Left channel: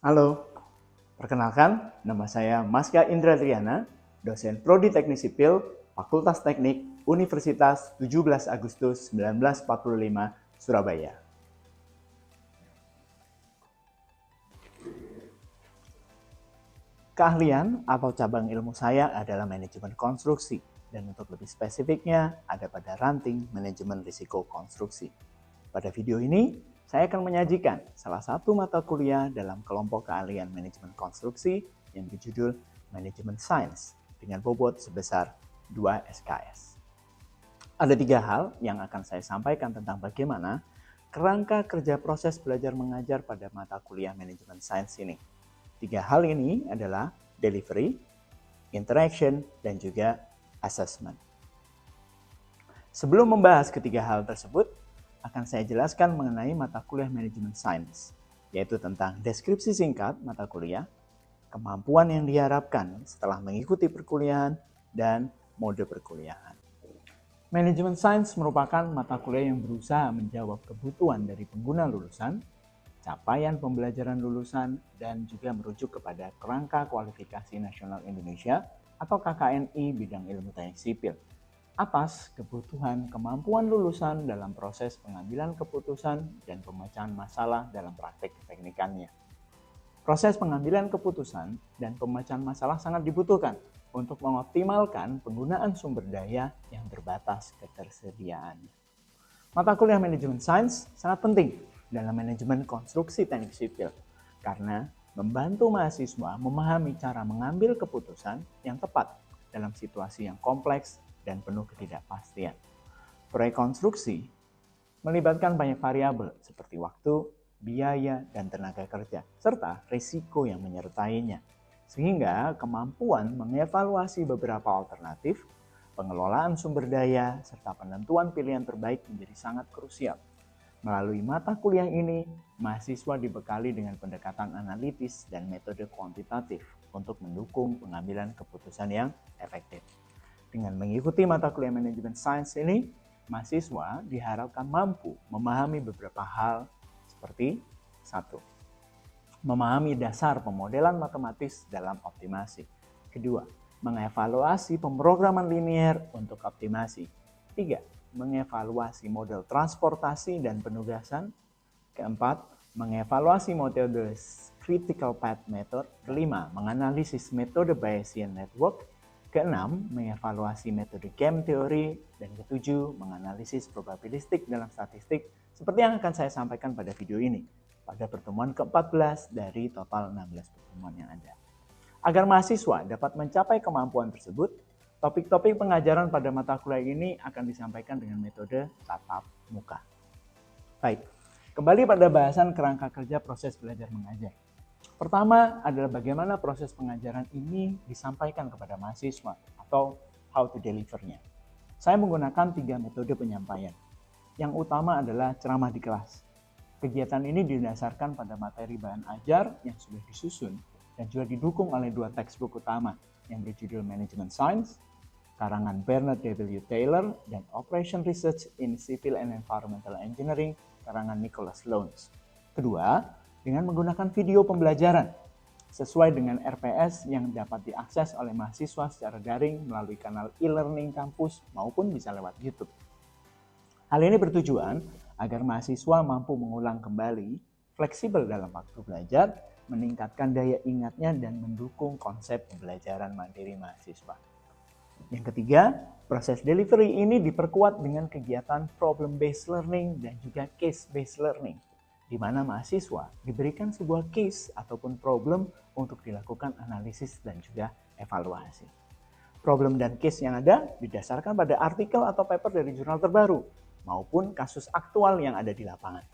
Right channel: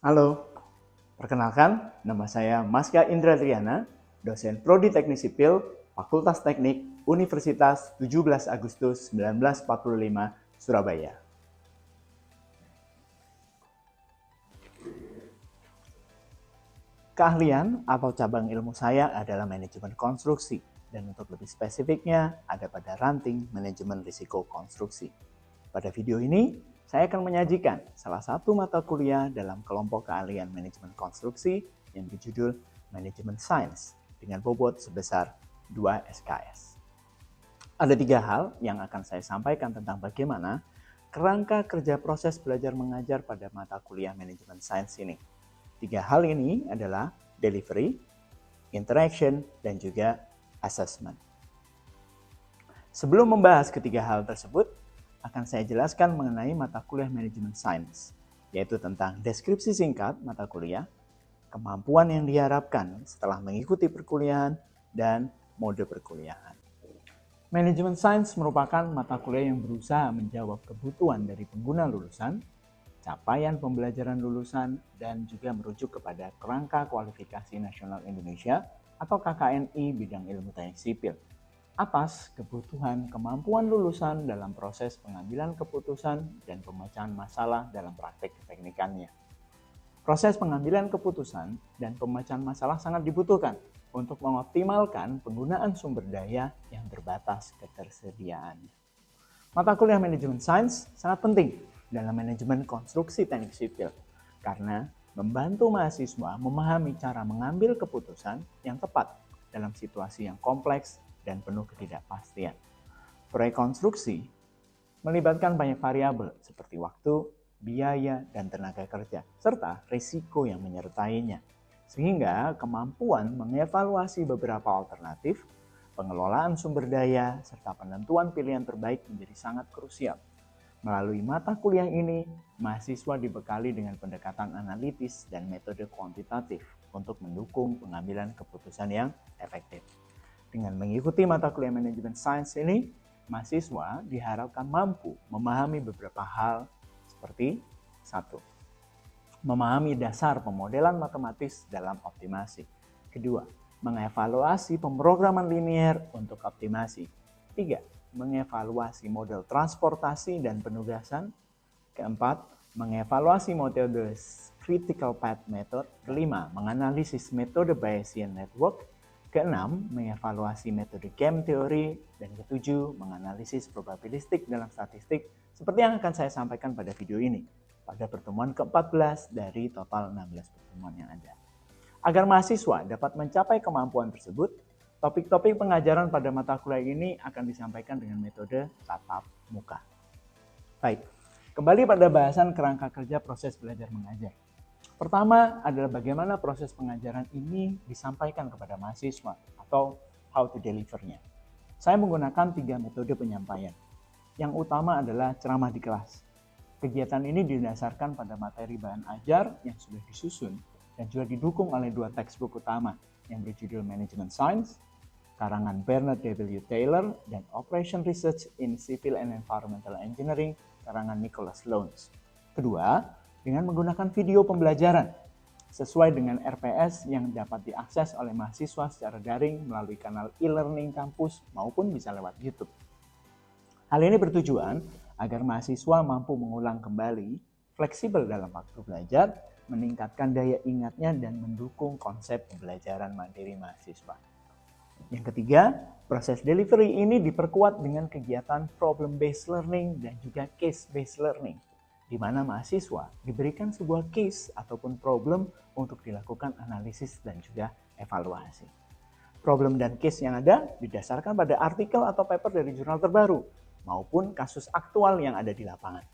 Halo, perkenalkan nama saya Maska Indra Triana, dosen Prodi Teknik Sipil, Fakultas Teknik, Universitas 17 Agustus 1945, Surabaya. Keahlian atau cabang ilmu saya adalah manajemen konstruksi, dan untuk lebih spesifiknya ada pada ranting manajemen risiko konstruksi. Pada video ini, saya akan menyajikan salah satu mata kuliah dalam kelompok keahlian manajemen konstruksi yang berjudul Manajemen Sains dengan bobot sebesar 2 SKS. Ada 3 hal yang akan saya sampaikan tentang bagaimana kerangka kerja proses belajar mengajar pada mata kuliah manajemen sains ini. 3 hal ini adalah delivery, interaction, dan juga assessment. Sebelum membahas ketiga hal tersebut, akan saya jelaskan mengenai mata kuliah manajemen sains, yaitu tentang deskripsi singkat mata kuliah, kemampuan yang diharapkan setelah mengikuti perkuliahan, dan mode perkuliahan. Manajemen sains merupakan mata kuliah yang berusaha menjawab kebutuhan dari pengguna lulusan, capaian pembelajaran lulusan, dan juga merujuk kepada Kerangka Kualifikasi Nasional Indonesia atau KKNI bidang ilmu teknik sipil atas kebutuhan kemampuan lulusan dalam proses pengambilan keputusan dan pemecahan masalah dalam praktek keteknikannya. Proses pengambilan keputusan dan pemecahan masalah sangat dibutuhkan untuk mengoptimalkan penggunaan sumber daya yang terbatas ketersediaannya. Mata kuliah manajemen sains sangat penting dalam manajemen konstruksi teknik sipil karena membantu mahasiswa memahami cara mengambil keputusan yang tepat dalam situasi yang kompleks dan penuh ketidakpastian. Proyek konstruksi melibatkan banyak variabel seperti waktu, biaya, dan tenaga kerja, serta risiko yang menyertainya. Sehingga kemampuan mengevaluasi beberapa alternatif, pengelolaan sumber daya, serta penentuan pilihan terbaik menjadi sangat krusial. Melalui mata kuliah ini, mahasiswa dibekali dengan pendekatan analitis dan metode kuantitatif untuk mendukung pengambilan keputusan yang efektif. Dengan mengikuti mata kuliah manajemen sains ini, mahasiswa diharapkan mampu memahami beberapa hal seperti 1. Memahami dasar pemodelan matematis dalam optimasi. 2. Mengevaluasi pemrograman linier untuk optimasi. 3. Mengevaluasi model transportasi dan penugasan. 4. Mengevaluasi metode critical path method. 5. Menganalisis metode Bayesian network. 6. Mengevaluasi metode game theory. Dan 7. Menganalisis probabilistik dalam statistik seperti yang akan saya sampaikan pada video ini pada pertemuan ke-14 dari total 16 pertemuan yang ada. Agar mahasiswa dapat mencapai kemampuan tersebut, topik-topik pengajaran pada mata kuliah ini akan disampaikan dengan metode tatap muka. Baik, kembali pada bahasan kerangka kerja proses belajar mengajar. Pertama adalah bagaimana proses pengajaran ini disampaikan kepada mahasiswa atau how to deliver-nya. Saya menggunakan 3 metode penyampaian. Yang utama adalah ceramah di kelas. Kegiatan ini didasarkan pada materi bahan ajar yang sudah disusun dan juga didukung oleh 2 textbook utama yang berjudul Management Science, karangan Bernard W. Taylor, dan Operation Research in Civil and Environmental Engineering, karangan Nicholas Lowndes. Kedua, dengan menggunakan video pembelajaran sesuai dengan RPS yang dapat diakses oleh mahasiswa secara daring melalui kanal e-learning kampus maupun bisa lewat YouTube. Hal ini bertujuan agar mahasiswa mampu mengulang kembali, fleksibel dalam waktu belajar, meningkatkan daya ingatnya dan mendukung konsep pembelajaran mandiri mahasiswa. Yang ketiga, proses delivery ini diperkuat dengan kegiatan problem-based learning dan juga case-based learning, di mana mahasiswa diberikan sebuah case ataupun problem untuk dilakukan analisis dan juga evaluasi. Problem dan case yang ada didasarkan pada artikel atau paper dari jurnal terbaru maupun kasus aktual yang ada di lapangan.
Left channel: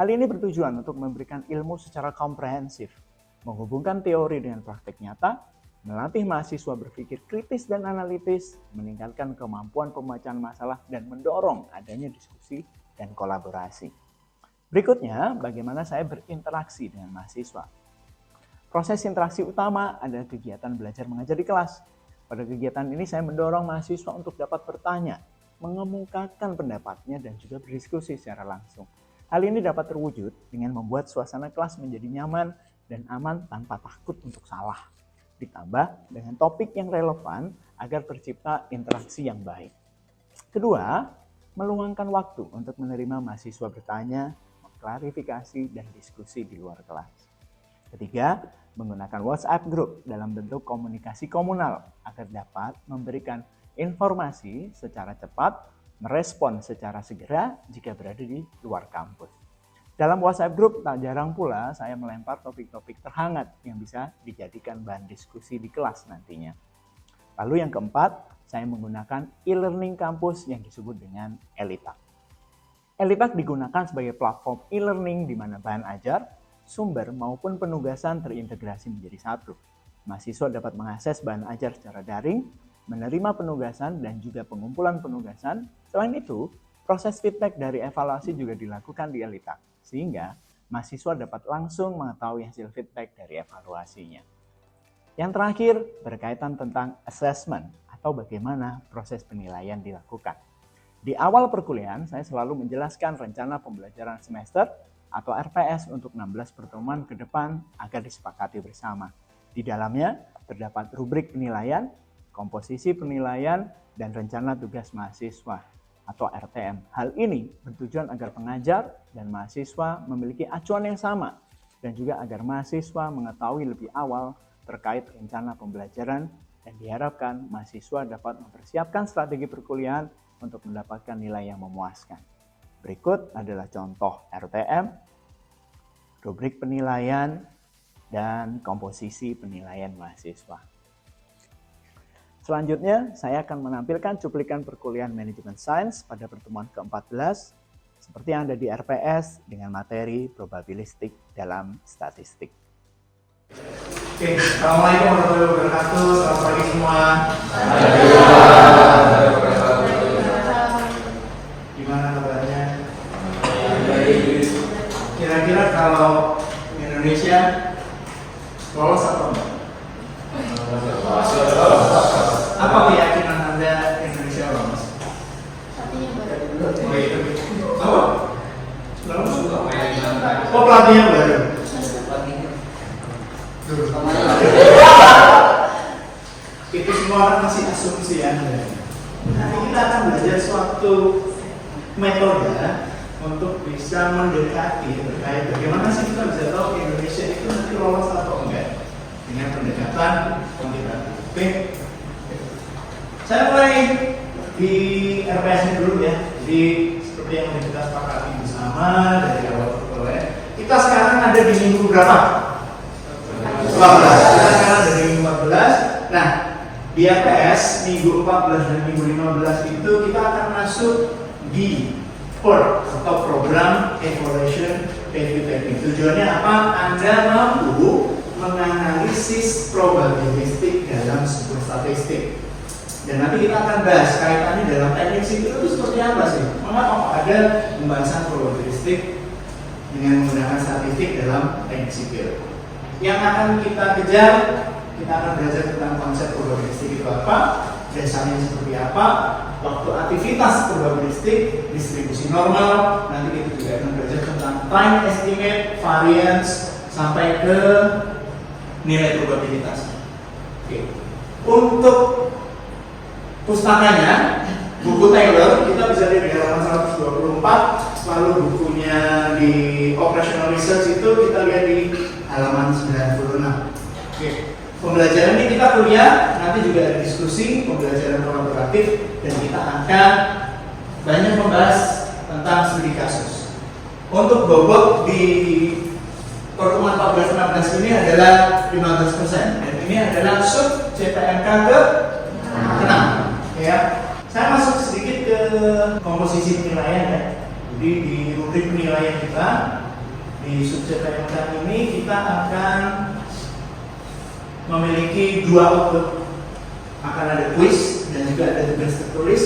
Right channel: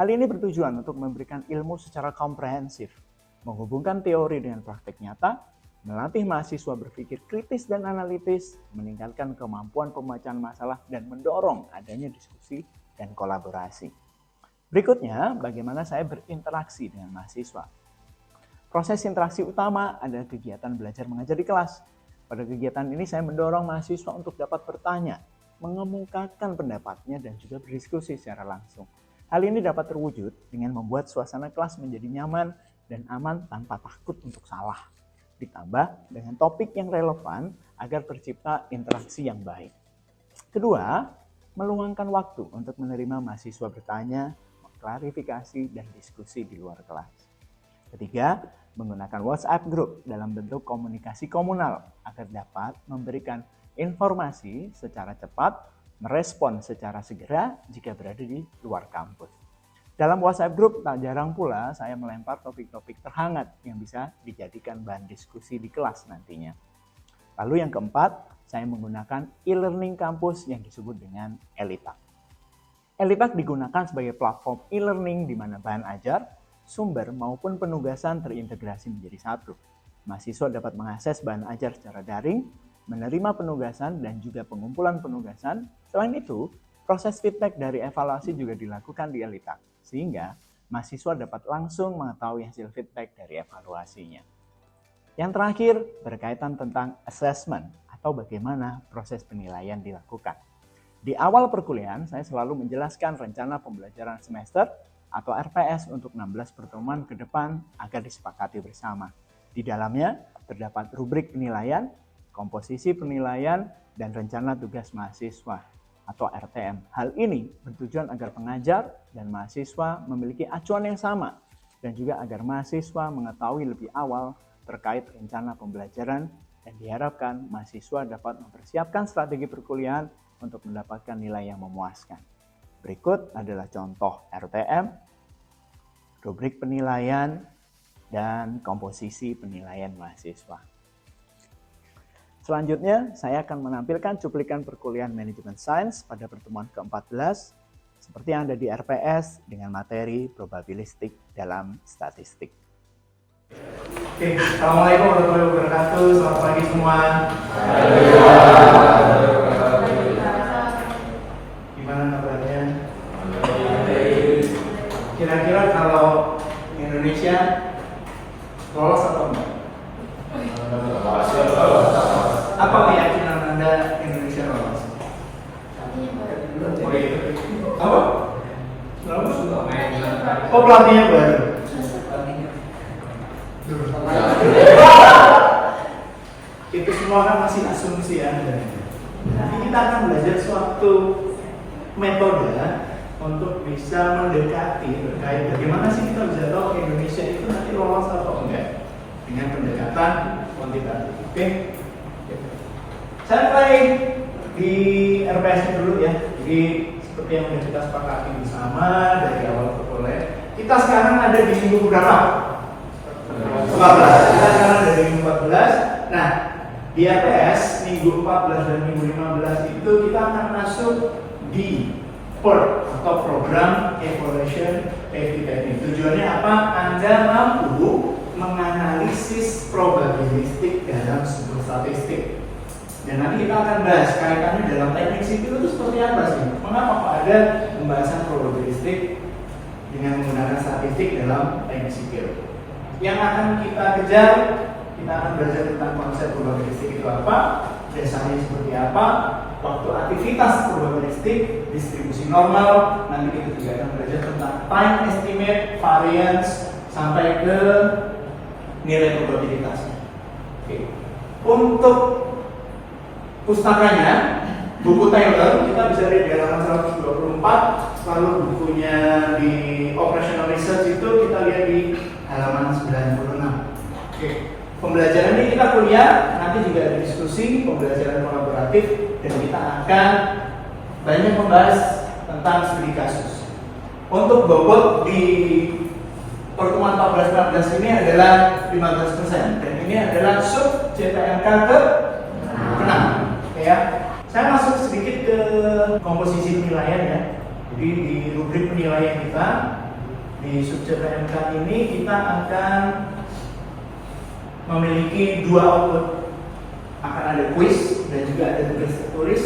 Hal ini bertujuan untuk memberikan ilmu secara komprehensif, menghubungkan teori dengan praktek nyata, melatih mahasiswa berpikir kritis dan analitis, meningkatkan kemampuan pemecahan masalah, dan mendorong adanya diskusi dan kolaborasi. Berikutnya, bagaimana saya berinteraksi dengan mahasiswa. Proses interaksi utama adalah kegiatan belajar mengajar di kelas. Pada kegiatan ini saya mendorong mahasiswa untuk dapat bertanya, mengemukakan pendapatnya, dan juga berdiskusi secara langsung. Hal ini dapat terwujud dengan membuat suasana kelas menjadi nyaman dan aman tanpa takut untuk salah. Ditambah dengan topik yang relevan agar tercipta interaksi yang baik. Kedua, meluangkan waktu untuk menerima mahasiswa bertanya, klarifikasi, dan diskusi di luar kelas. Ketiga, menggunakan WhatsApp Group dalam bentuk komunikasi komunal agar dapat memberikan informasi secara cepat, merespon secara segera jika berada di luar kampus. Dalam WhatsApp Group tak jarang pula saya melempar topik-topik terhangat yang bisa dijadikan bahan diskusi di kelas nantinya. Lalu yang keempat, saya menggunakan e-learning kampus yang disebut dengan ELITAK. ELITAK digunakan sebagai platform e-learning di mana bahan ajar, sumber maupun penugasan terintegrasi menjadi satu. Mahasiswa dapat mengakses bahan ajar secara daring, menerima penugasan dan juga pengumpulan penugasan. Selain itu, proses feedback dari evaluasi juga dilakukan di ELITAK, sehingga mahasiswa dapat langsung mengetahui hasil feedback dari evaluasinya. Yang terakhir, berkaitan tentang assessment atau bagaimana proses penilaian dilakukan. Di awal perkuliahan, saya selalu menjelaskan rencana pembelajaran semester atau RPS untuk 16 pertemuan ke depan agar disepakati bersama. Di dalamnya terdapat rubrik penilaian, komposisi penilaian, dan rencana tugas mahasiswa atau RTM. Hal ini bertujuan agar pengajar dan mahasiswa memiliki acuan yang sama dan juga agar mahasiswa mengetahui lebih awal terkait rencana pembelajaran dan diharapkan mahasiswa dapat mempersiapkan strategi perkuliahan untuk mendapatkan nilai yang memuaskan. Berikut adalah contoh RTM, rubrik penilaian, dan komposisi penilaian mahasiswa. Selanjutnya, saya akan menampilkan cuplikan perkuliahan Manajemen Sains pada pertemuan ke-14 seperti yang ada di RPS dengan materi probabilistik dalam statistik. Oke, Assalamualaikum warahmatullahi wabarakatuh. Selamat pagi semua. Gimana kabarnya? Kira-kira kalau Indonesia lolos atau enggak? Apa keyakinan Anda Indonesia lolos? Apa? Oh, pelatihnya baru. Itu semua kan masih asumsi ya. Nanti kita akan belajar suatu metode untuk bisa mendekati terkait bagaimana sih kita bisa tahu Indonesia itu nanti lolos atau enggak dengan pendekatan kuantitatif. Oke. Saya mulai di RPS dulu ya. Jadi seperti yang kita sepakati bersama dari awal perkuliahan. Kita sekarang ada di minggu berapa? 14. Kita sekarang ada di minggu 14. Nah, di RPS minggu 14 dan minggu 15 itu kita akan masuk di PER atau Program Evaluation Activity. Tujuannya apa? Anda mampu menganalisis probabilistik dalam sebuah statistik. Dan nanti kita akan bahas kaitannya dalam teknik sipil itu seperti apa sih? Mengapa ada pembahasan probabilistik dengan menggunakan statistik dalam teknik sipil? Yang akan kita kejar, kita akan belajar tentang konsep probabilistik itu apa, dasarnya seperti apa, waktu aktivitas probabilistik, distribusi normal, nanti kita juga akan belajar tentang time estimate, variance, sampai ke nilai probabilitas. Oke. Untuk pustakanya, buku Taylor kita bisa lihat di halaman 124, lalu bukunya di Operational Research itu kita lihat di halaman 96. Oke. Pembelajaran ini kita kuliah, nanti juga ada diskusi, pembelajaran kolaboratif, dan kita akan banyak membahas tentang studi kasus. Untuk bobot di pertemuan 14-16 ini adalah 15%, dan ini adalah sub CTMK ke-6. Ya, saya masuk sedikit ke komposisi penilaian ya. Jadi di rubrik penilaian kita di sub CTMK ini kita akan memiliki dua output. Akan ada quiz dan juga ada tugas tertulis.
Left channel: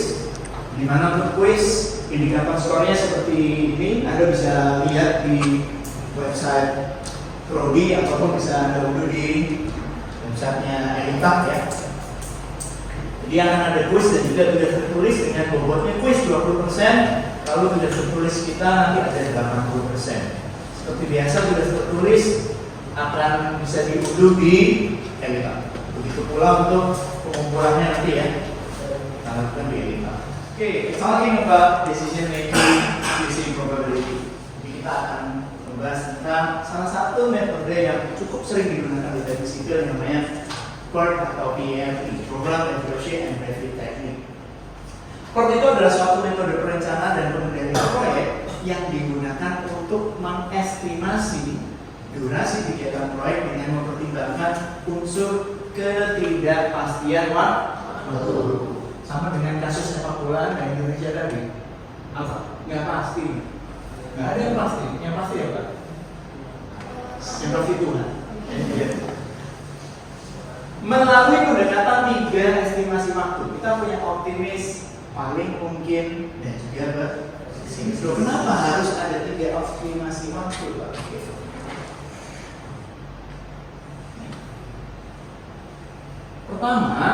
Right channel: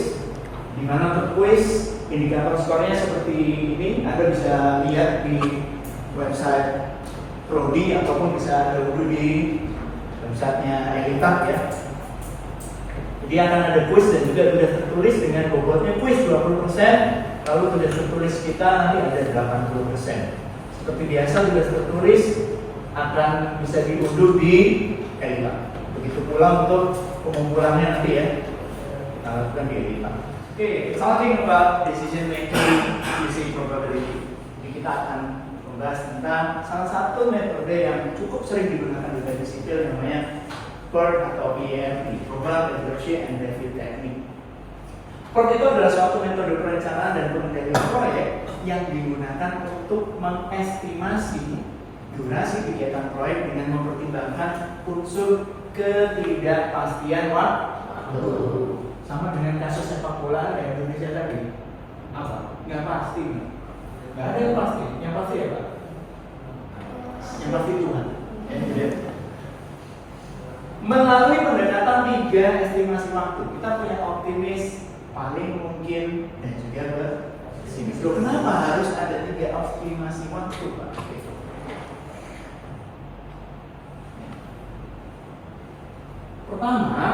Di mana untuk quiz indikator skornya seperti ini, Anda bisa lihat di website Prodi ataupun bisa download di websitenya ELITAK ya. Jadi akan ada quiz dan juga tugas tertulis dengan bobotnya quiz 20%, lalu tugas tertulis kita nanti ada 80%. Seperti biasa tugas tertulis akan bisa diunduh di Elita. Begitu pula untuk pengumpulannya nanti ya, kita lakukan di Elita. Oke, starting about decision making using probability. Jadi kita akan membahas tentang salah satu metode yang cukup sering digunakan di teknik sipil yang namanya PERT atau PERT, Programmable Approach and Review Technique. PERT itu adalah suatu metode perencanaan dan pengendalian proyek yang digunakan untuk mengestimasi durasi kegiatan proyek dengan mempertimbangkan unsur ketidakpastian waktu. Sama dengan kasus sepak bola dan Indonesia tadi. Apa? Nggak pasti. Nggak ada yang pasti. Yang pasti apa? Yang pasti Tuhan. Melalui pendekatan 3 estimasi waktu, kita punya optimis, paling mungkin, dan juga pesimis. Kenapa harus ada 3 estimasi waktu, Pak? Pertama,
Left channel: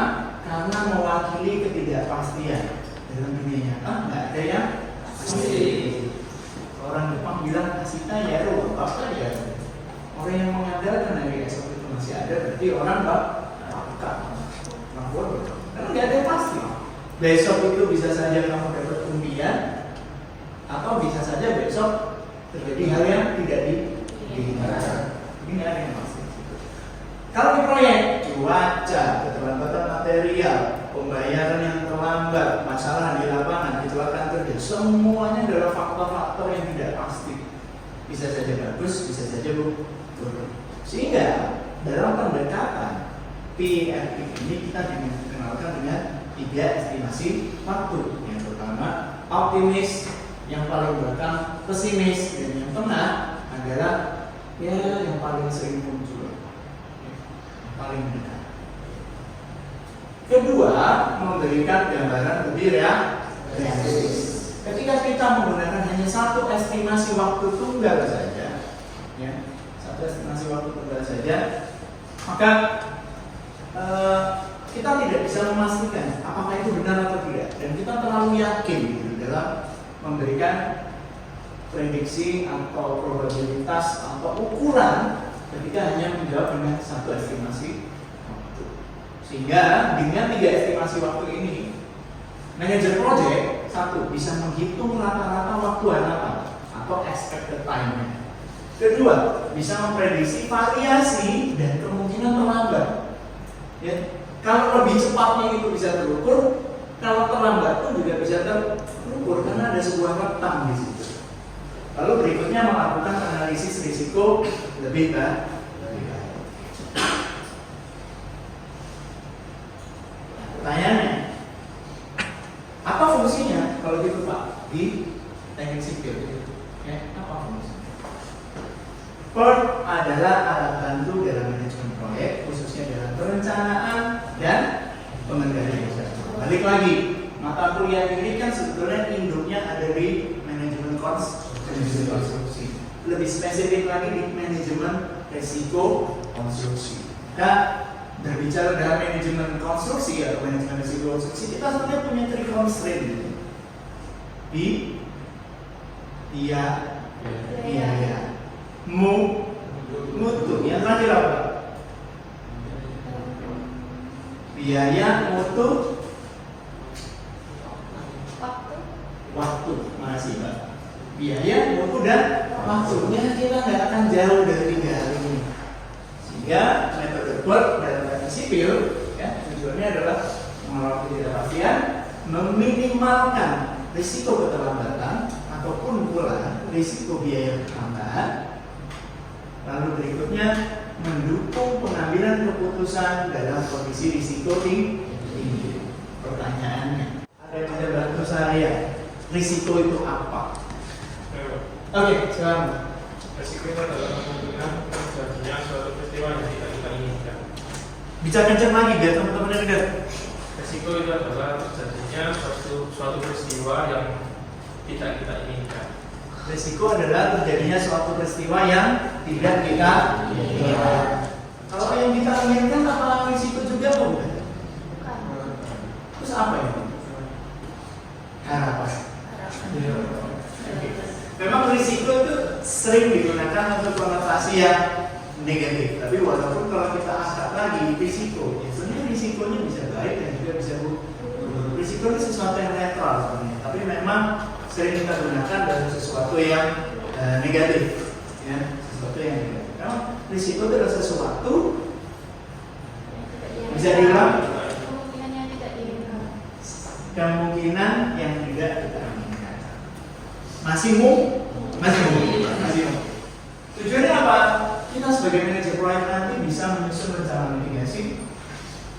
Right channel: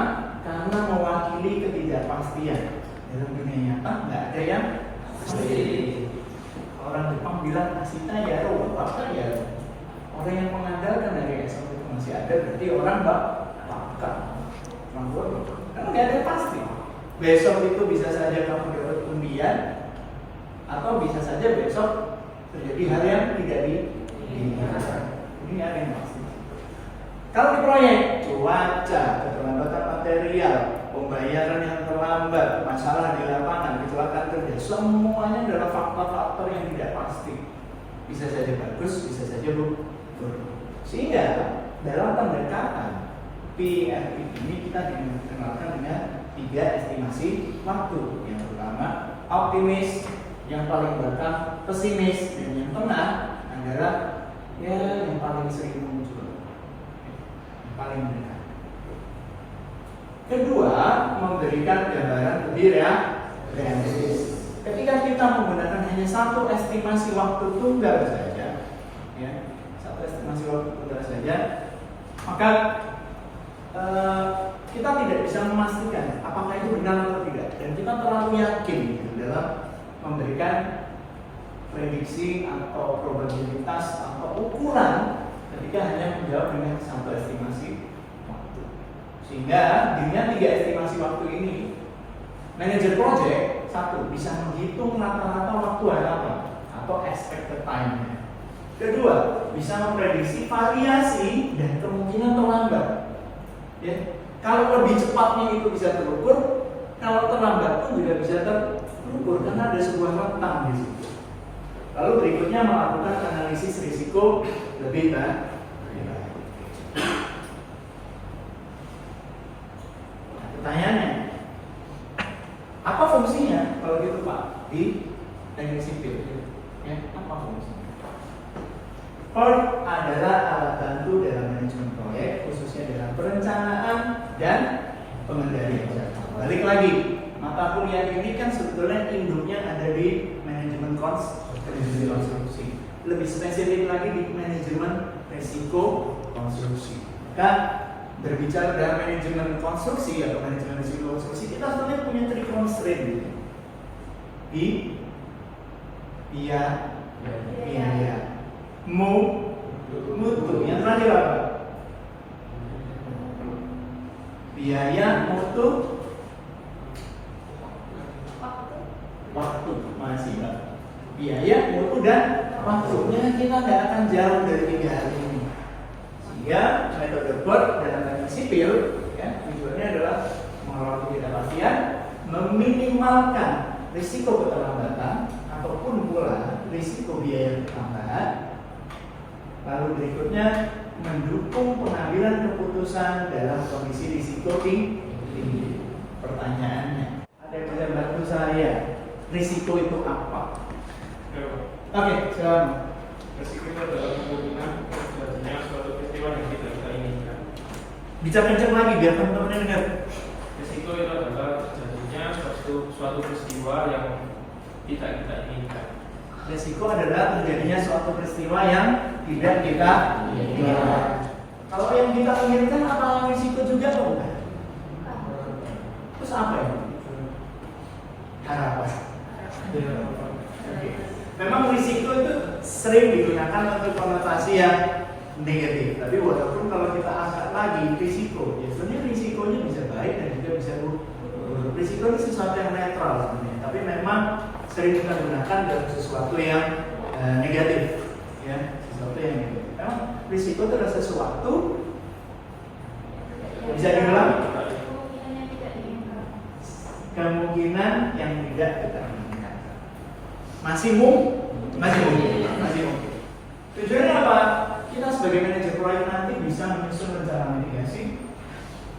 karena mewakili ketidakpastian. Dalam dunia nyata nggak ada yang pasti. Orang Jepang bilang kasita ya, apa ya. Orang yang mengandalkan hari esok itu masih ada, berarti orang bakal. Karena nggak ada yang pasti. Besok itu bisa saja kamu dapat undian, atau bisa saja besok terjadi hal yang tidak diinginkan. Ini nggak ada yang pasti. Kalau di proyek, cuaca, keterlambatan material, pembayaran yang terlambat, masalah di lapangan, kecelakaan kerja, semuanya adalah faktor-faktor yang tidak pasti. Bisa saja bagus, bisa saja buruk. Sehingga dalam pendekatan PERT ini kita dikenalkan dengan 3 estimasi waktu. Yang pertama, optimis, yang paling belakang pesimis, dan yang tengah adalah ya yang paling sering muncul. Paling mendekat. Kedua, memberikan gambaran lebih realistis. Ketika kita menggunakan hanya satu estimasi waktu tunggal saja, ya, satu estimasi waktu tunggal saja, maka kita tidak bisa memastikan apakah itu benar atau tidak, dan kita terlalu yakin gitu dalam memberikan prediksi atau probabilitas atau ukuran ketika hanya menjawab dengan satu estimasi waktu. Sehingga dengan 3 estimasi waktu ini, manajer project satu bisa menghitung rata-rata waktu harapan atau expected time. Kedua, bisa memprediksi variasi dan kemungkinan terlambat. Ya, kalau lebih cepatnya itu bisa terukur, kalau terlambat pun juga bisa terukur karena ada sebuah rentang di situ. Lalu berikutnya melakukan analisis risiko lebih baik. Pertanyaannya, apa fungsinya kalau gitu Pak di teknik sipil? Ya, apa fungsinya? PERT adalah alat bantu dalam manajemen proyek, khususnya dalam perencanaan dan pengendalian. Balik lagi, mata kuliah ini kan sebetulnya induknya ada di manajemen konstruksi. Lebih spesifik lagi di manajemen risiko konstruksi. Maka berbicara dalam manajemen konstruksi atau manajemen risiko konstruksi, kita sebenarnya punya 3 constraint gitu. Biaya, mutu. Yang terakhir apa? Biaya, mutu, waktu. Masih Pak. Biaya, mutu, dan waktunya kita nggak akan jauh dari 3 hal ini. Sehingga metode PERT dalam teknik sipil, ya, tujuannya adalah mengelola ketidakpastian, meminimalkan risiko keterlambatan ataupun pula risiko biaya tambahan. Lalu berikutnya mendukung pengambilan keputusan dalam kondisi risiko tinggi. Pertanyaannya, ada yang bisa bantu saya? Risiko itu apa? Oke, silakan. Risiko itu adalah kemungkinan terjadinya suatu peristiwa yang tidak kita inginkan. Bicara kencang lagi biar teman-teman dengar. Risiko itu adalah terjadinya suatu peristiwa yang tidak kita inginkan. Risiko adalah terjadinya suatu peristiwa yang tidak kita inginkan. Kalau yang kita inginkan apa risiko juga apa bukan? Terus apa ini? Harapan. Memang risiko itu sering digunakan untuk konotasi yang negatif. Tapi walaupun kalau kita angkat lagi risiko, ya sebenarnya risikonya bisa baik dan juga bisa buruk. Risiko ini sesuatu yang netral sebenarnya, tapi memang sering kita gunakan dalam sesuatu yang negatif, ya, sesuatu yang negatif. Karena risiko itu adalah sesuatu bisa diulang, kemungkinan yang tidak kita inginkan. Masih masih. Tujuannya apa? Kita sebagai manajer proyek nanti bisa menyusun rencana mitigasi,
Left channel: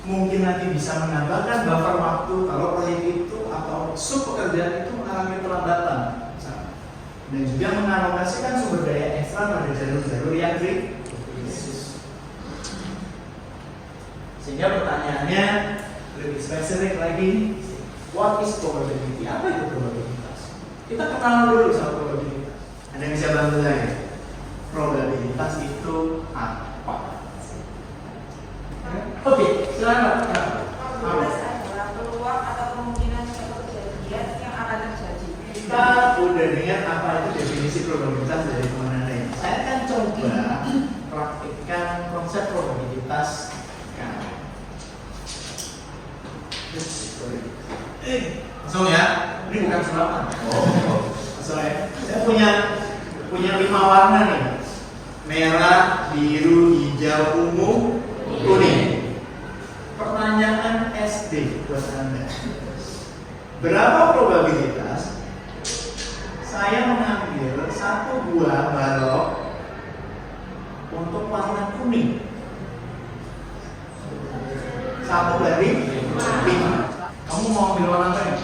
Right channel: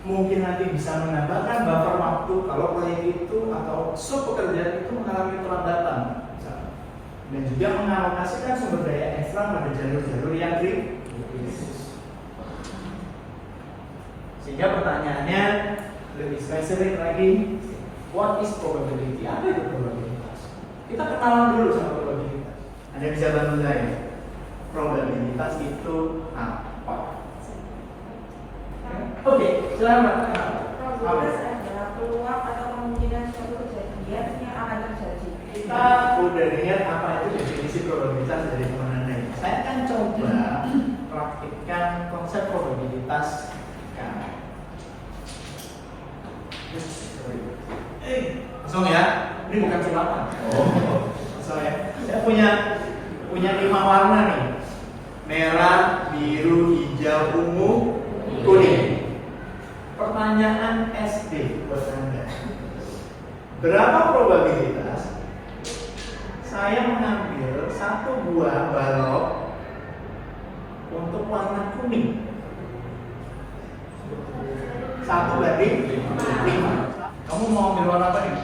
mungkin nanti bisa menambahkan buffer waktu kalau proyek itu atau sub pekerjaan itu mengalami pelambatan, dan juga mengalokasikan sumber daya ekstra pada jalur-jalur yang kritis. Sehingga pertanyaannya lebih spesifik lagi, what is probability? Apa itu probabilitas? Kita kenalan dulu sama probabilitas. Anda bisa bantu saya? Probabilitas itu apa? Oke, selamat. Peluang atau kemungkinan suatu kejadian yang akan terjadi. Kita udah lihat apa itu definisi probabilitas dari teman Anda ini. Saya akan coba praktikkan konsep probabilitas kami. Kosong ya? Ini bukan sulapan. Kosong ya? Saya punya 5 warna nih. Merah, biru, hijau, ungu, kuning. Pertanyaan SD buat Anda. Berapa probabilitas saya mengambil satu buah balok untuk warna kuning? 1 dari 5. Kamu mau ambil warna apa nih?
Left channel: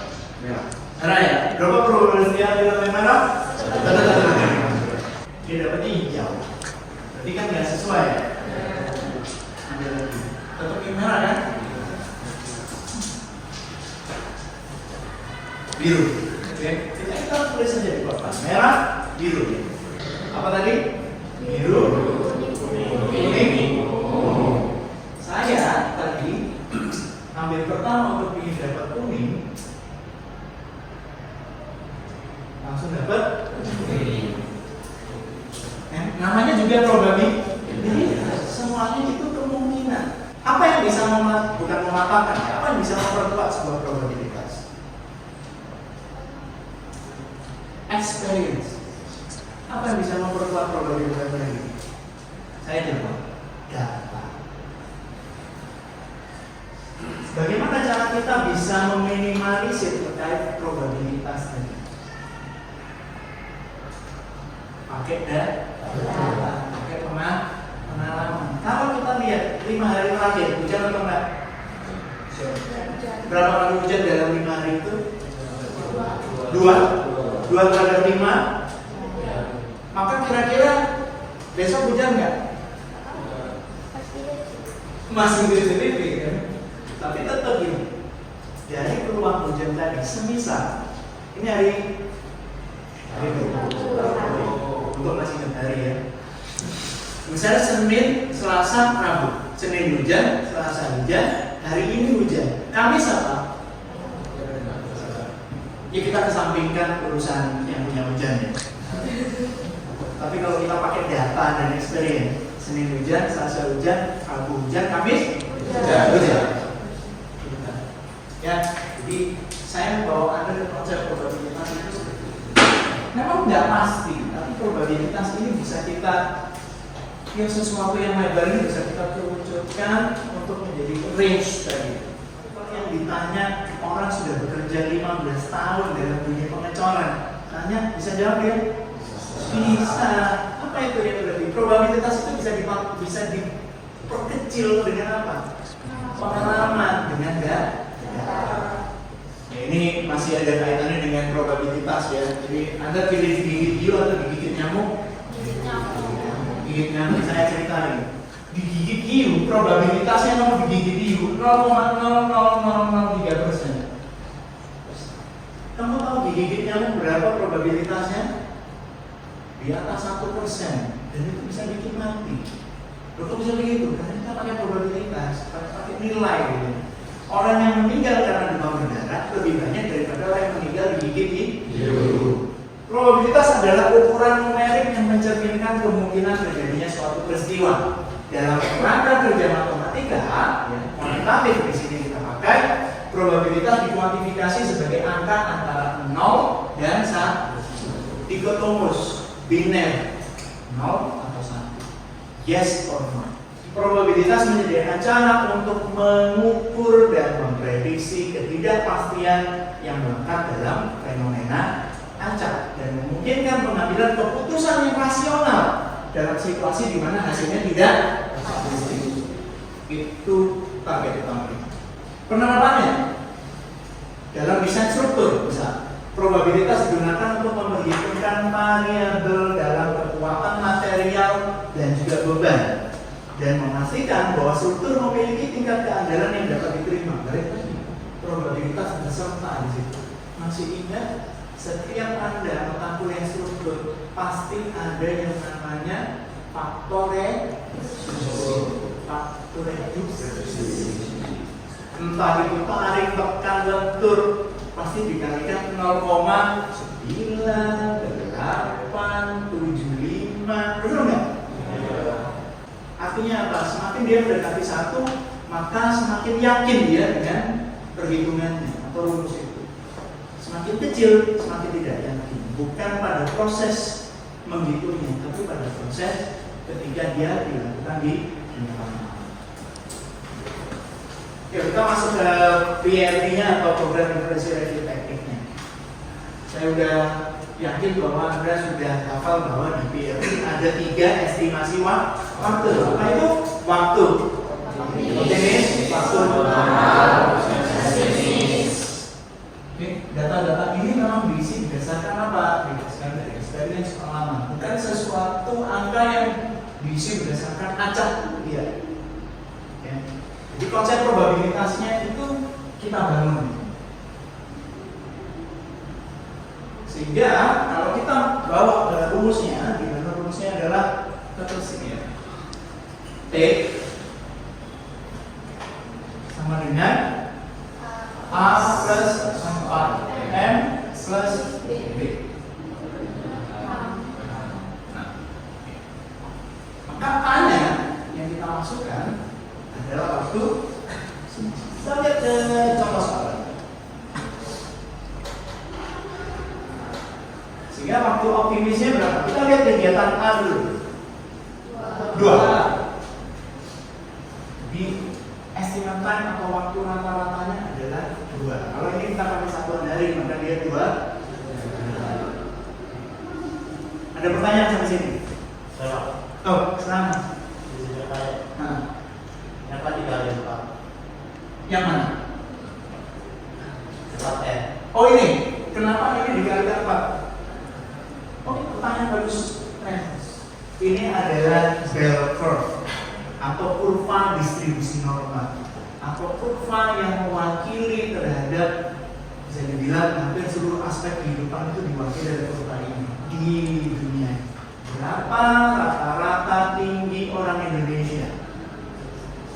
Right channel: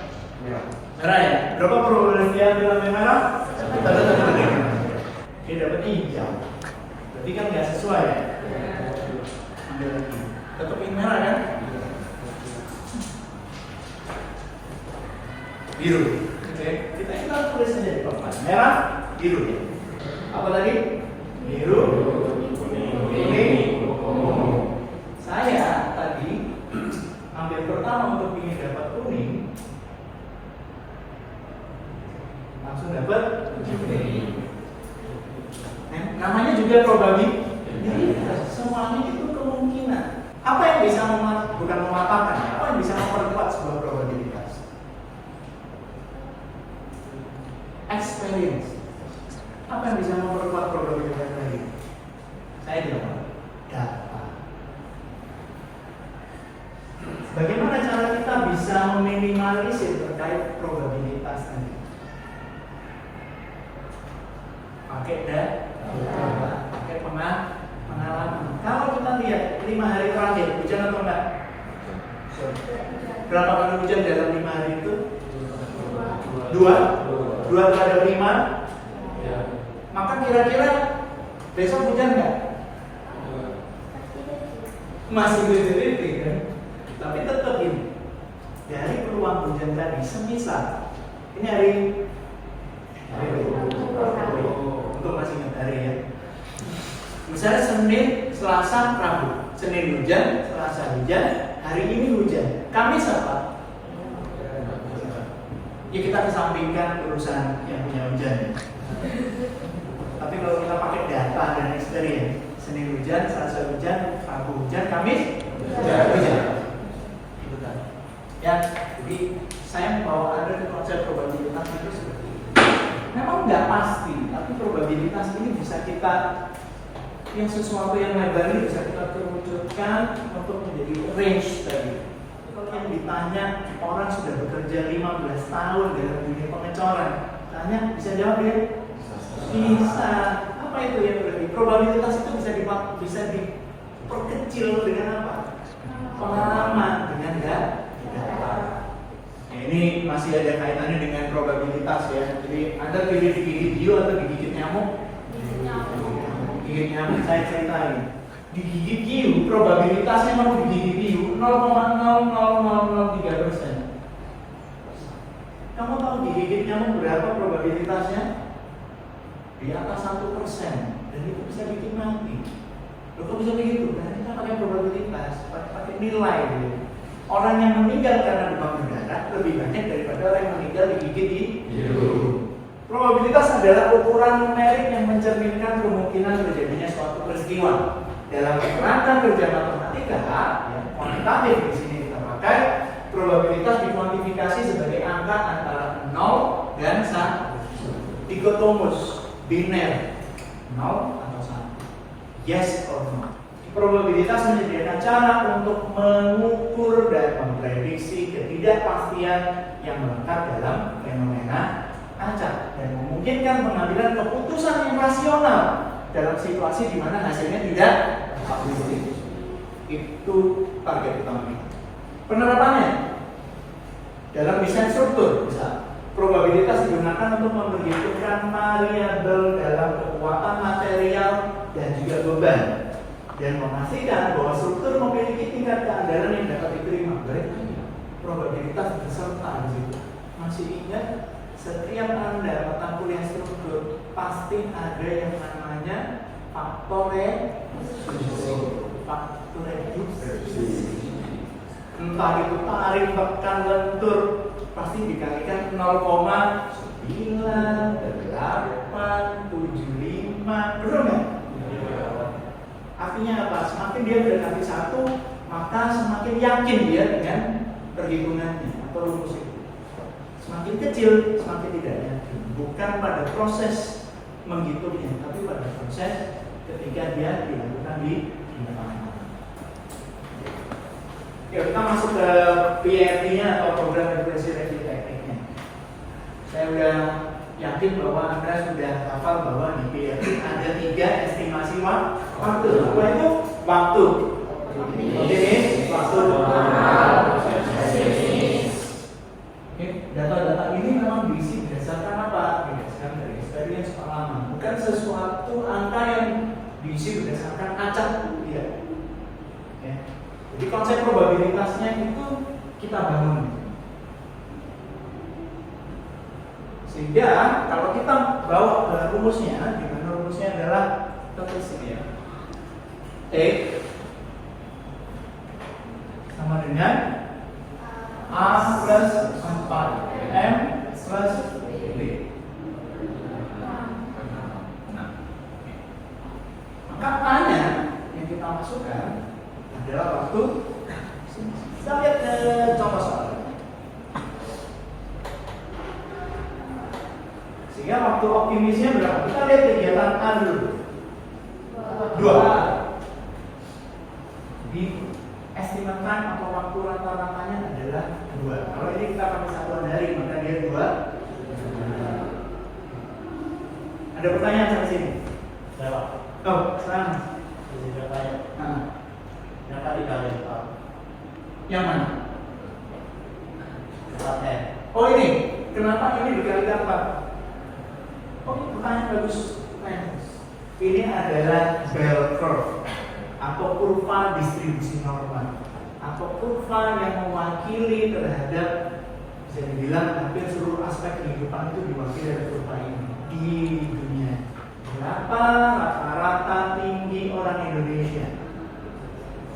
Merah. Merah ya? Berapa probabilitas dia ambil merah? 1. Dia dapatnya hijau. Berarti kan nggak sesuai ya? Ambil lagi. Tetap yang merah kan? Biru. Oke. Kita tulis saja di papan. Merah, biru. Apa tadi? Biru, kuning, ungu. Saya tadi ambil pertama untuk ingin dapat kuning, langsung dapat kuning. Namanya juga probabilitas. Semuanya itu kemungkinan. Apa yang bisa bukan mematahkan? Apa yang bisa memperkuat sebuah probabilitas? Experience. Apa yang bisa memperkuat probabilitas tadi? Saya jawab data. Bagaimana cara kita bisa meminimalisir terkait probabilitas tadi? Pakai data, pakai pengalaman. Kalau kita lihat 5 hari terakhir, hujan atau enggak? Berapa kali hujan dalam 5 hari itu? 2 terhadap 5. Maka kira-kira besok hujan nggak? Masih hujan ya? Tapi tetap ini dari peluang hujan tadi, semisal ini hari untuk masih ingat hari ya. Misalnya Senin, Selasa, Rabu. Senin hujan, Selasa hujan, hari ini hujan. Kamis apa? Ya kita kesampingkan urusan yang punya hujan ya. Tapi kalau kita pakai data dan experience, Senin hujan, Selasa hujan, Rabu hujan, Kamis hujan. Ya, jadi saya membawa Anda ke konsep probabilitas itu seperti itu. Memang nggak pasti, tapi probabilitas ini bisa kita, yang sesuatu yang lebar ini bisa kita kerucutkan untuk menjadi range tadi. Kalau yang ditanya orang sudah bekerja 15 tahun dalam dunia pengecoran, tanya bisa jawab ya? Bisa. Apa itu ya berarti? Probabilitas itu bisa diperkecil dengan apa? Pengalaman, dengan data. Ya, ini masih ada kaitannya dengan probabilitas ya. Jadi Anda pilih digigit hiu atau digigit nyamuk? Digigit nyamuk. Saya ceritain. Digigit hiu, probabilitasnya mau digigit hiu 0,00003%. Kamu tahu digigit nyamuk berapa probabilitasnya? Di atas 1%, dan itu bisa bikin mati. Loh, kok bisa begitu? Karena kita pakai probabilitas, pakai nilai gitu. Orang yang meninggal karena demam berdarah lebih banyak daripada orang yang meninggal digigit hiu. Probabilitas adalah ukuran numerik yang mencerminkan kemungkinan terjadinya terjadinya suatu peristiwa. Dalam kerangka kerja matematika, ya, kuantitatif di sini kita pakai, probabilitas dikuantifikasi sebagai angka antara 0 dan 1. Dikotomus, biner, 0 atau 1. Yes or no. Probabilitas menyediakan cara untuk mengukur dan memprediksi ketidakpastian yang melekat dalam fenomena acak dan memungkinkan pengambilan keputusan yang rasional dalam situasi di mana hasilnya tidak pasti. Itu target utama kita. Penerapannya dalam desain struktur, misal probabilitas digunakan untuk memperhitungkan variabel dalam kekuatan material dan juga beban dan memastikan bahwa struktur memiliki tingkat keandalan yang dapat diterima. Berarti probabilitas beserta di situ. Masih ingat, setiap Anda mata kuliah struktur pasti ada yang namanya faktor entah itu tarik, tekan, lentur, pasti dikalikan 0,9875, benar nggak? Artinya apa? Semakin dia mendekati 1, maka semakin yakin dia dengan perhitungannya atau rumus itu. Semakin kecil, semakin tidak yakin. Bukan pada proses menghitungnya, tapi pada proses ketika dia dilakukan di lapangan. Oke, kita masuk ke PRT-nya atau program referensi review tekniknya. Saya sudah yakin bahwa Anda sudah hafal bahwa di PRT ada 3 estimasi waktu. Apa itu? Waktu optimis, waktu pesimis. Data-data ini memang diisi berdasarkan apa? Berdasarkan dari experience pengalaman. Bukan sesuatu angka yang diisi berdasarkan acak, tidak. Ya. Jadi konsep probabilitasnya itu kita bangun. Sehingga kalau kita bawa ke rumusnya, di mana rumusnya adalah ketersediaan T sama dengan A plus 4M plus B. Maka A-nya yang kita masukkan adalah waktu. Kita lihat contoh soal. Sehingga waktu optimisnya berapa? Kita lihat kegiatan A dulu. 2. Di estimate time atau waktu rata-ratanya adalah 2. Kalau ini kita pakai satuan hari, maka dia 2. Ada pertanyaan sampai sini? Saya Oh, senang. yang tadi dari 4. Yang mana? 4N. Oh ini, kenapa ini dikali 8? Oh, pertanyaan bagus. Ini adalah bell curve atau kurva distribusi normal atau kurva yang mewakili terhadap, bisa dibilang hampir seluruh aspek kehidupan itu diwakili dari kurva ini di dunia. Berapa rata-rata tinggi orang Indonesia?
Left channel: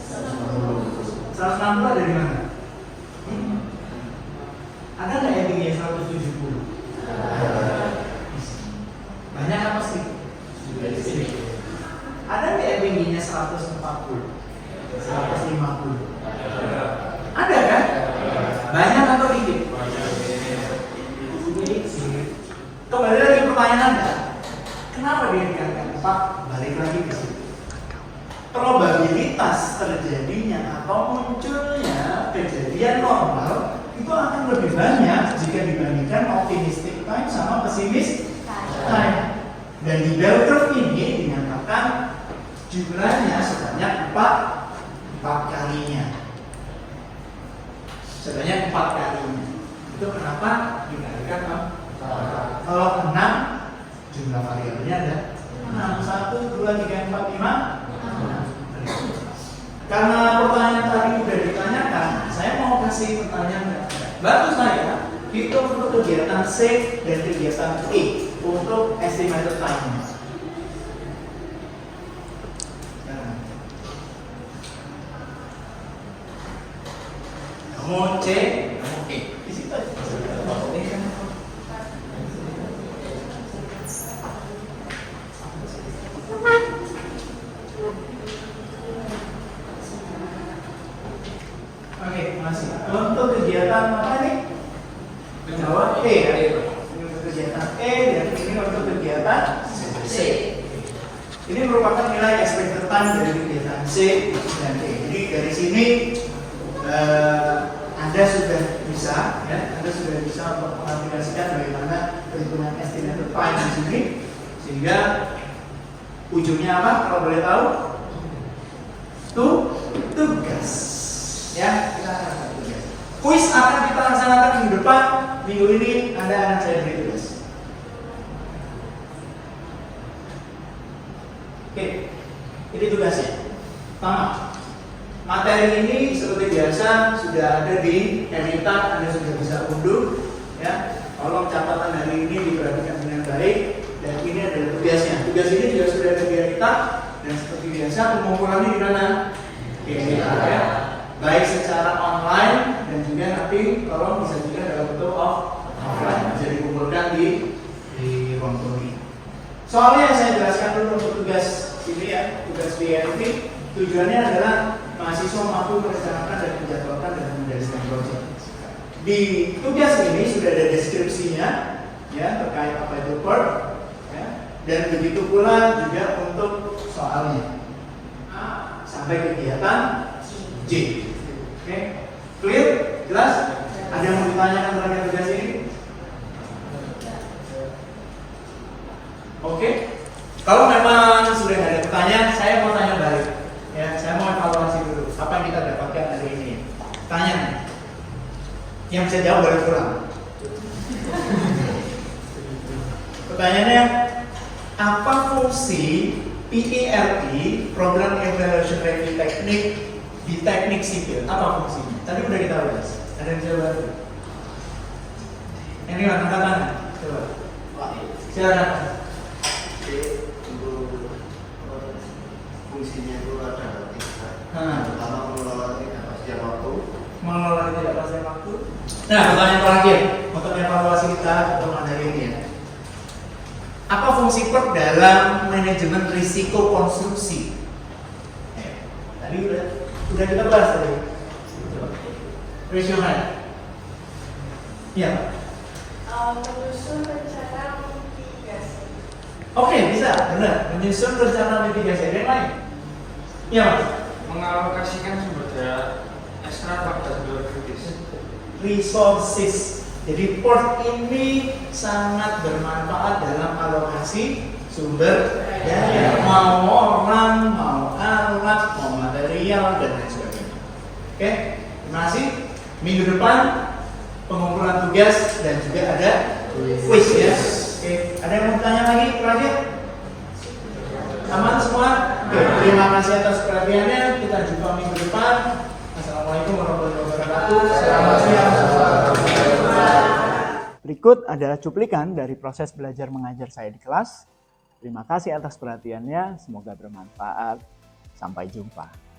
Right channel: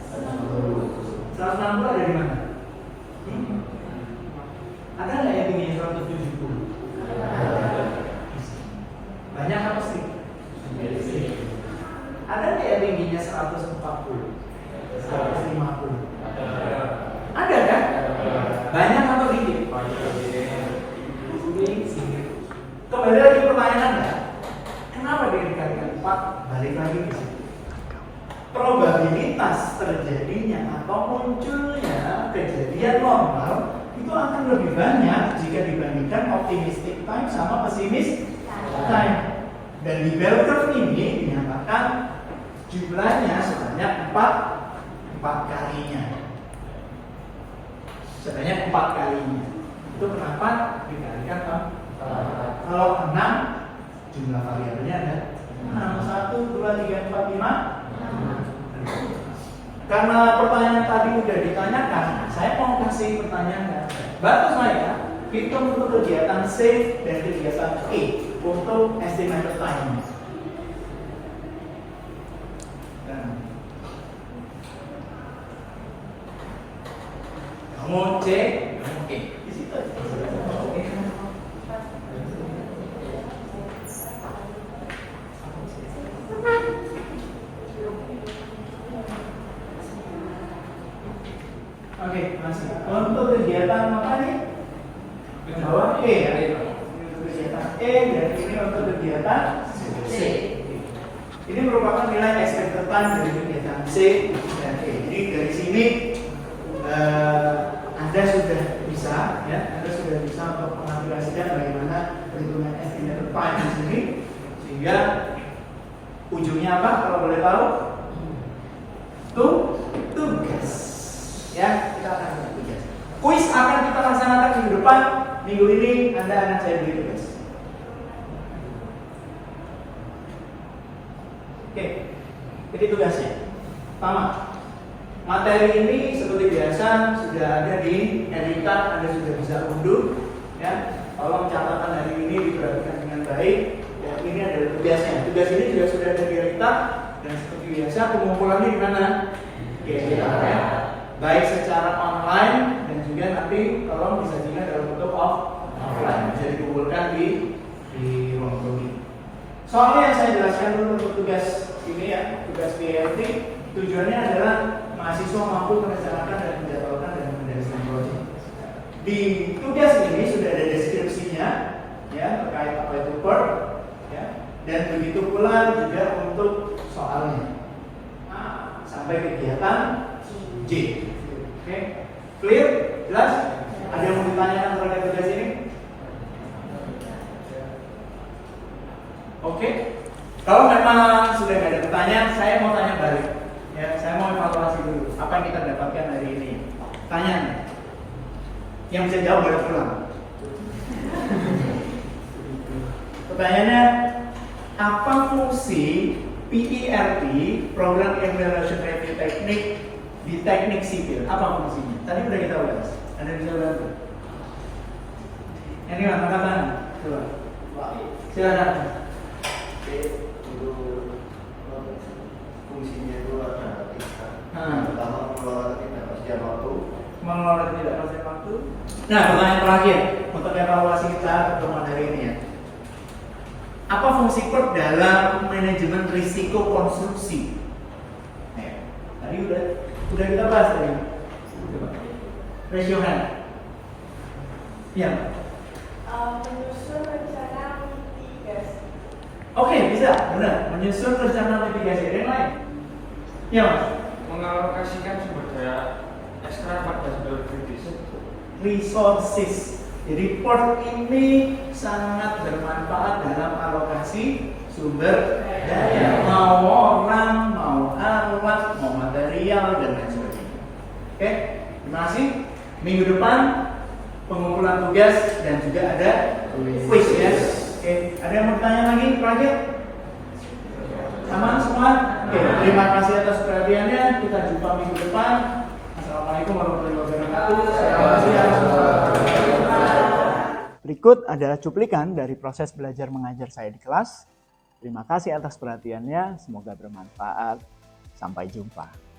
160 ada di mana? Ada nggak yang tinggi 170? Banyak apa sih? Ada nggak yang tingginya 140? 150? Ada kan? Banyak atau dikit? Kembali lagi pertanyaan Anda, kenapa dia dikatakan 4? Balik lagi ke situ. Probabilitas terjadinya atau munculnya kejadian normal itu akan lebih banyak jika dibandingkan optimistic time sama pesimis time. Dan di bell curve ini dinyatakan jumlahnya sebanyak 4 kalinya. Sebanyak 4 kalinya. Itu kenapa dikatakan kalau 6 jumlah variabelnya ada 6, 1, 2, 3, 4, 5. Karena pertanyaan tadi sudah ditanyakan, saya mau kasih pertanyaan. Bantu saya hitung untuk kegiatan C dan kegiatan E untuk estimated time. Kamu C, kamu E. Di situ aja. Untuk kegiatan mana nih? Jawab E ya. Ini untuk kegiatan E dan ini untuk kegiatan C. Ini merupakan nilai expected time dari kegiatan C dan E. Jadi dari sini Anda sudah bisa, ya, Anda sudah bisa untuk mengaplikasikan bagaimana perhitungan estimated time di sini, sehingga ujungnya apa? Kalau boleh tahu, tugas, ya. Kuis akan kita laksanakan minggu depan. Minggu ini Anda akan saya beri tugas. Oke, ini tugasnya. Pertama, materi ini seperti biasa sudah ada di Evita, Anda sudah bisa unduh, ya. Tolong catatan hari ini diperhatikan dengan baik, dan ini adalah tugasnya. Tugas ini juga sudah ada di Evita, dan seperti biasa pengumpulannya di mana? Oke, kita ya. Baik secara online dan juga nanti tolong disajikan dalam bentuk offline, bisa dikumpulkan di ruang tunggu. Soalnya yang saya jelaskan dulu untuk tugas ini ya, tugas BMT, tujuannya adalah mahasiswa mampu merencanakan dan menjadwalkan dan mendesain proyek. Di tugas ini sudah ada deskripsinya, ya, terkait apa itu PERT, ya, dan begitu pula juga untuk soalnya. Nah, sampai kegiatan J. Oke, clear? Jelas? Ada yang mau ditanyakan terkait tugas ini? Oke, kalau memang sudah nggak ada pertanyaan, saya mau tanya balik. Ya, saya mau evaluasi dulu. Apa yang kita dapatkan hari ini? Tanya. Yang bisa jawab boleh pulang. Pertanyaannya, apa fungsi PERT, Program Evaluation Review Teknik di teknik sipil? Apa fungsinya? Tadi udah kita bahas. Ada yang bisa bantu? Ini mana tangan? Coba. Silakan. Fungsinya itu ada tiga. Nah. Pertama mengelola ketidakpastian waktu. Mengelola ketidakpastian waktu. Nah, pertanyaan terakhir untuk evaluasi kita pertemuan hari ini ya. Apa fungsi PERT dalam manajemen risiko konstruksi? Tadi udah kita bahas tadi. Raise your hand. Ya. Menyusun rencana mitigasi. Oke, bisa, benar. Menyusun rencana mitigasi. Ada yang lain? Ya, Mas. Mengalokasikan sumber daya ekstra pada biologis. Resources. Jadi PERT ini sangat bermanfaat dalam alokasi sumber daya. Mau orang, mau alat, mau material, dan lain sebagainya. Oke, terima kasih. Minggu depan pengumpulan tugas dan juga ada quiz ya. Oke, ada yang mau tanya lagi terakhir? Aman semua? Oke, terima kasih atas perhatiannya. Kita jumpa minggu depan. Assalamualaikum warahmatullahi wabarakatuh. Selamat siang. Berikut adalah cuplikan dari proses belajar mengajar saya di kelas. Terima kasih atas perhatiannya, semoga bermanfaat. Sampai jumpa.